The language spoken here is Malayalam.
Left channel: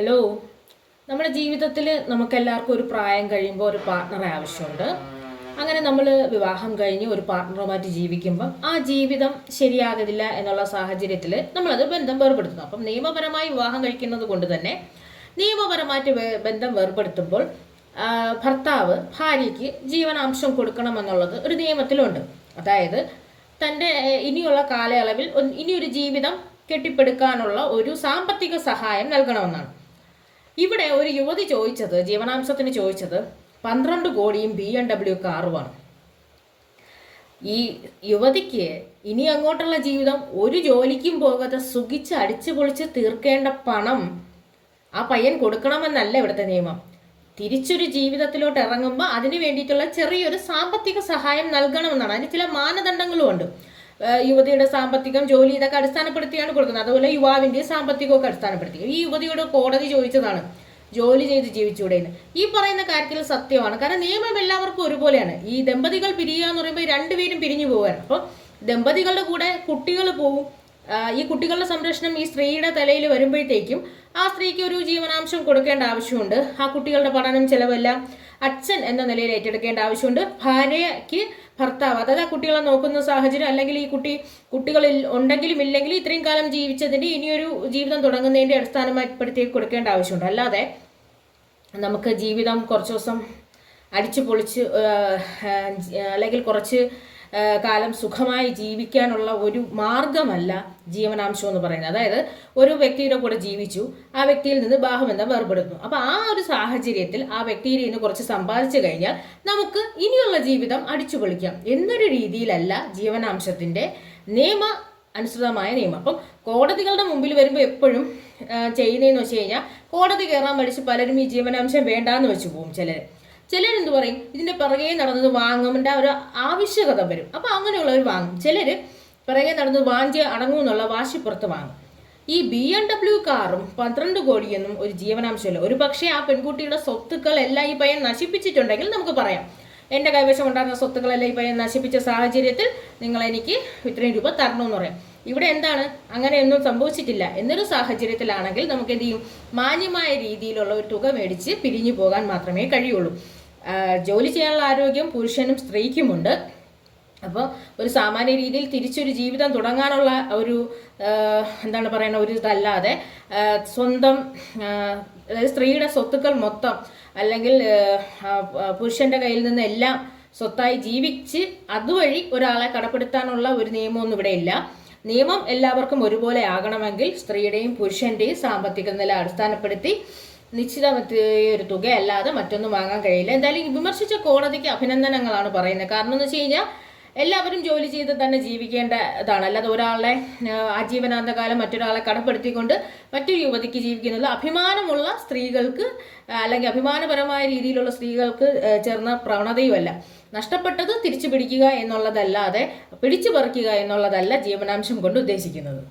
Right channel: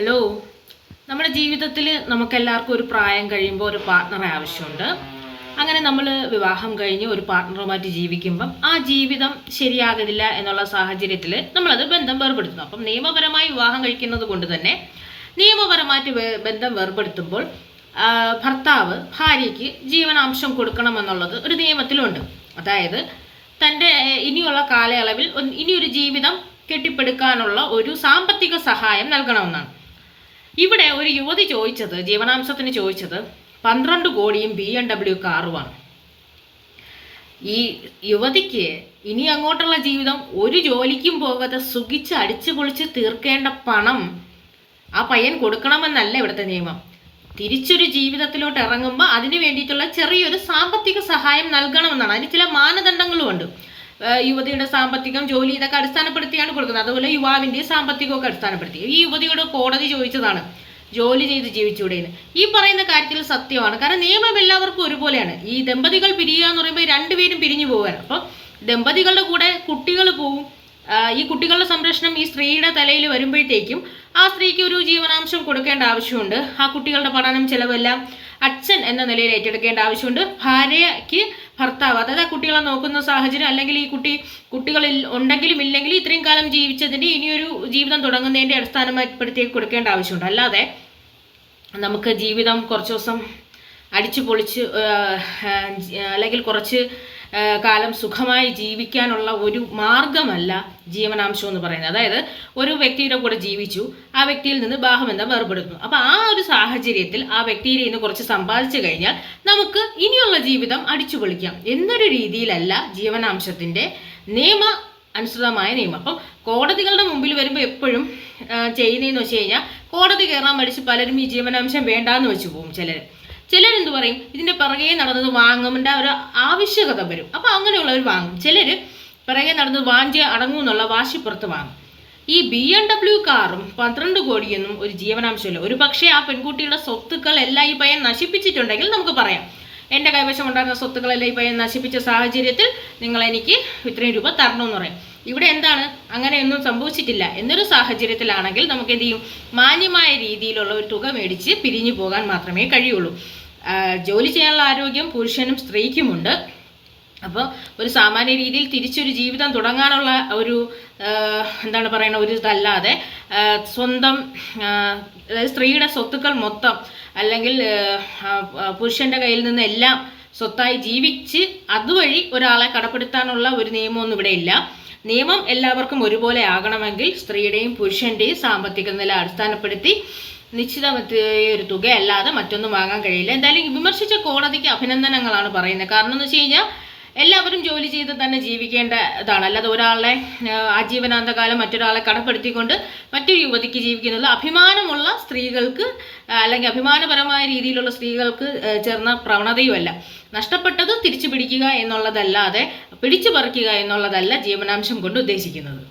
ഹലോ നമ്മുടെ ജീവിതത്തിൽ നമുക്കെല്ലാവർക്കും ഒരു പ്രായം കഴിയുമ്പോൾ ഒരു പാർട്ട്ണറെ ആവശ്യമുണ്ട്. അങ്ങനെ നമ്മൾ വിവാഹം കഴിഞ്ഞ് ഒരു പാർട്ട്ണറുമായിട്ട് ജീവിക്കുമ്പം ആ ജീവിതം ശരിയാകത്തില്ല എന്നുള്ള സാഹചര്യത്തിൽ നമ്മളത് ബന്ധം വേർപെടുത്തുന്നു. അപ്പം നിയമപരമായി വിവാഹം കഴിക്കുന്നത് കൊണ്ട് തന്നെ നിയമപരമായിട്ട് ബന്ധം വേർപെടുത്തുമ്പോൾ ഭർത്താവ് ഭാര്യയ്ക്ക് ജീവനാംശം കൊടുക്കണമെന്നുള്ളത് ഒരു നിയമത്തിലുണ്ട്. അതായത് തന്റെ ഇനിയുള്ള കാലയളവിൽ ഇനിയൊരു ജീവിതം കെട്ടിപ്പടുക്കാനുള്ള ഒരു സാമ്പത്തിക സഹായം നൽകണമെന്നാണ്. ഇവിടെ ഒരു യുവതി ചോദിച്ചത് ജീവനാംശത്തിന് ചോദിച്ചത് പന്ത്രണ്ട് കോടിയും ബി എം ഡബ്ല്യു കാറുമാണ് ഈ യുവതിക്ക് ഇനി അങ്ങോട്ടുള്ള ജീവിതം ഒരു ജോലിക്കും പോകാതെ സുഖിച്ച് അടിച്ചു പൊളിച്ച് തീർക്കേണ്ട പണം ആ പയ്യൻ കൊടുക്കണമെന്നല്ല ഇവിടുത്തെ നിയമം. തിരിച്ചൊരു ജീവിതത്തിലോട്ട് ഇറങ്ങുമ്പോൾ അതിന് വേണ്ടിയിട്ടുള്ള ചെറിയൊരു സാമ്പത്തിക സഹായം നൽകണമെന്നാണ്. അതിന് ചില മാനദണ്ഡങ്ങളും ഉണ്ട് ഏഹ് യുവതിയുടെ സാമ്പത്തികം ജോലി ഇതൊക്കെ അടിസ്ഥാനപ്പെടുത്തിയാണ് കൊടുക്കുന്നത്. അതുപോലെ യുവാവിന്റെ സാമ്പത്തികമൊക്കെ അടിസ്ഥാനപ്പെടുത്തി. ഈ യുവതിയോട് കോടതി ചോദിച്ചതാണ്. ജോലി ചെയ്ത് ജീവിച്ചൂടെ എന്ന് ഈ പറയുന്ന കാര്യത്തിൽ സത്യമാണ്. കാരണം നിയമം എല്ലാവർക്കും ഒരുപോലെയാണ്. ഈ ദമ്പതികൾ പിരിയുക എന്ന് പറയുമ്പോൾ രണ്ടുപേരും പിരിഞ്ഞു പോവുകയാണ്. അപ്പോൾ ദമ്പതികളുടെ കൂടെ കുട്ടികൾ പോവും. ഈ കുട്ടികളുടെ സംരക്ഷണം ഈ സ്ത്രീയുടെ തലയിൽ വരുമ്പോഴത്തേക്കും ആ സ്ത്രീക്ക് ഒരു ജീവനാംശം കൊടുക്കേണ്ട ആവശ്യമുണ്ട്. ആ കുട്ടികളുടെ പഠനം ചിലവെല്ലാം അച്ഛൻ എന്ന നിലയിൽ ഏറ്റെടുക്കേണ്ട ആവശ്യമുണ്ട്. ഭാര്യയ്ക്ക് ഭർത്താവ് അതായത് ആ കുട്ടികളെ നോക്കുന്ന സാഹചര്യം അല്ലെങ്കിൽ ഈ കുട്ടി കുട്ടികളിൽ ഉണ്ടെങ്കിലും ഇല്ലെങ്കിലും ഇത്രയും കാലം ജീവിച്ചതിന്റെ ഇനിയൊരു ജീവിതം തുടങ്ങുന്നതിന്റെ അടിസ്ഥാനപ്പെടുത്തി കൊടുക്കേണ്ട ആവശ്യമുണ്ട്. അല്ലാതെ നമുക്ക് ജീവിതം കുറച്ച് ദിവസം അടിച്ചു പൊളിച്ച് അല്ലെങ്കിൽ കുറച്ച് കാലം സുഖമായി ജീവിക്കാനുള്ള ഒരു മാർഗമല്ല ജീവനാംശം എന്ന് പറയുന്നത്. അതായത് ഒരു വ്യക്തിയുടെ കൂടെ ജീവിച്ചു ആ വ്യക്തിയിൽ നിന്ന് ബാഹബന്ധം വേർപെടുന്നു. അപ്പോൾ ആ ഒരു സാഹചര്യത്തിൽ ആ വ്യക്തിയിൽ നിന്ന് കുറച്ച് സമ്പാദിച്ചു കഴിഞ്ഞാൽ നമുക്ക് ഇനിയുള്ള ജീവിതം അടിച്ചു പൊളിക്കാം എന്നൊരു രീതിയിലല്ല ജീവനാംശത്തിന്റെ നിയമ അനുസൃതമായ നിയമം. അപ്പം കോടതികളുടെ മുമ്പിൽ വരുമ്പോൾ എപ്പോഴും ചെയ്യുന്നതെന്ന് വെച്ച് കഴിഞ്ഞാൽ കോടതി കയറാൻ പഠിച്ച് പലരും ഈ ജീവനാംശം വേണ്ടാന്ന് വെച്ച് പോകും ചിലർ ചിലരെന്ത് പറയും? ഇതിന്റെ പിറകെ നടന്നത് വാങ്ങുമ്പോൾ ഒരു ആവശ്യകത വരും. അപ്പോൾ അങ്ങനെയുള്ളവർ വാങ്ങും. ചിലർ പിറകെ നടന്നത് വാഞ്ചി അടങ്ങും എന്നുള്ള വാശിപ്പുറത്ത് വാങ്ങും. ഈ ബി എം ഡബ്ല്യു കാറും പന്ത്രണ്ട് കോടിയെന്നും ഒരു ജീവനാംശമില്ല. ഒരു പക്ഷേ ആ പെൺകുട്ടിയുടെ സ്വത്തുക്കൾ എല്ലാം ഈ പയ്യൻ നശിപ്പിച്ചിട്ടുണ്ടെങ്കിൽ നമുക്ക് പറയാം. എന്റെ കൈവശം ഉണ്ടായിരുന്ന സ്വത്തുക്കളെല്ലാം ഈ പയ്യൻ നശിപ്പിച്ച സാഹചര്യത്തിൽ നിങ്ങൾ എനിക്ക് ഇത്രയും രൂപ തരണമെന്ന് പറയും. ഇവിടെ എന്താണ്? അങ്ങനെയൊന്നും സംഭവിച്ചിട്ടില്ല. എന്നൊരു സാഹചര്യത്തിലാണെങ്കിൽ നമുക്ക് എന്ത് ചെയ്യും? മാന്യമായ രീതിയിലുള്ള ഒരു തുക മേടിച്ച് പിരിഞ്ഞു പോകാൻ മാത്രമേ കഴിയുള്ളൂ. ജോലി ചെയ്യാനുള്ള ആരോഗ്യം പുരുഷനും സ്ത്രീക്കുമുണ്ട്. അപ്പോൾ ഒരു സാമാന്യ രീതിയിൽ തിരിച്ചൊരു ജീവിതം തുടങ്ങാനുള്ള ഒരു എന്താണ് പറയുന്ന ഒരു ഇതല്ലാതെ സ്വന്തം അതായത് സ്ത്രീയുടെ സ്വത്തുക്കൾ മൊത്തം അല്ലെങ്കിൽ പുരുഷന്റെ കയ്യിൽ നിന്ന് എല്ലാം സ്വത്തായി ജീവിച്ച് അതുവഴി ഒരാളെ കടപ്പെടുത്താനുള്ള ഒരു നിയമമൊന്നും ഇവിടെ ഇല്ല. നിയമം എല്ലാവർക്കും ഒരുപോലെ ആകണമെങ്കിൽ സ്ത്രീയുടെയും പുരുഷന്റെയും സാമ്പത്തിക നില അടിസ്ഥാനപ്പെടുത്തി നിശ്ചിത ഒരു തുക അല്ലാതെ മറ്റൊന്നും വാങ്ങാൻ കഴിയില്ല. എന്തായാലും വിമർശിച്ച കോടതിക്ക് അഭിനന്ദനങ്ങളാണ് പറയുന്നത്. കാരണം എന്ന് വെച്ച് കഴിഞ്ഞാൽ എല്ലാവരും ജോലി ചെയ്ത് തന്നെ ജീവിക്കേണ്ടതാണ്. അല്ലാതെ ഒരാളെ ആജീവനാന്തകാലം മറ്റൊരാളെ കടപ്പെടുത്തിക്കൊണ്ട് മറ്റൊരു യുവതിക്ക് ജീവിക്കുന്നത് അഭിമാനമുള്ള സ്ത്രീകൾക്ക് അല്ലെങ്കിൽ അഭിമാനപരമായ രീതിയിലുള്ള സ്ത്രീകൾക്ക് ചേർന്ന പ്രവണതയുമല്ല. നഷ്ടപ്പെട്ടത് തിരിച്ചു പിടിക്കുക എന്നുള്ളതല്ലാതെ പിടിച്ചു പറിക്കുക എന്നുള്ളതല്ല ജീവനാംശം കൊണ്ട് ഉദ്ദേശിക്കുന്നത്.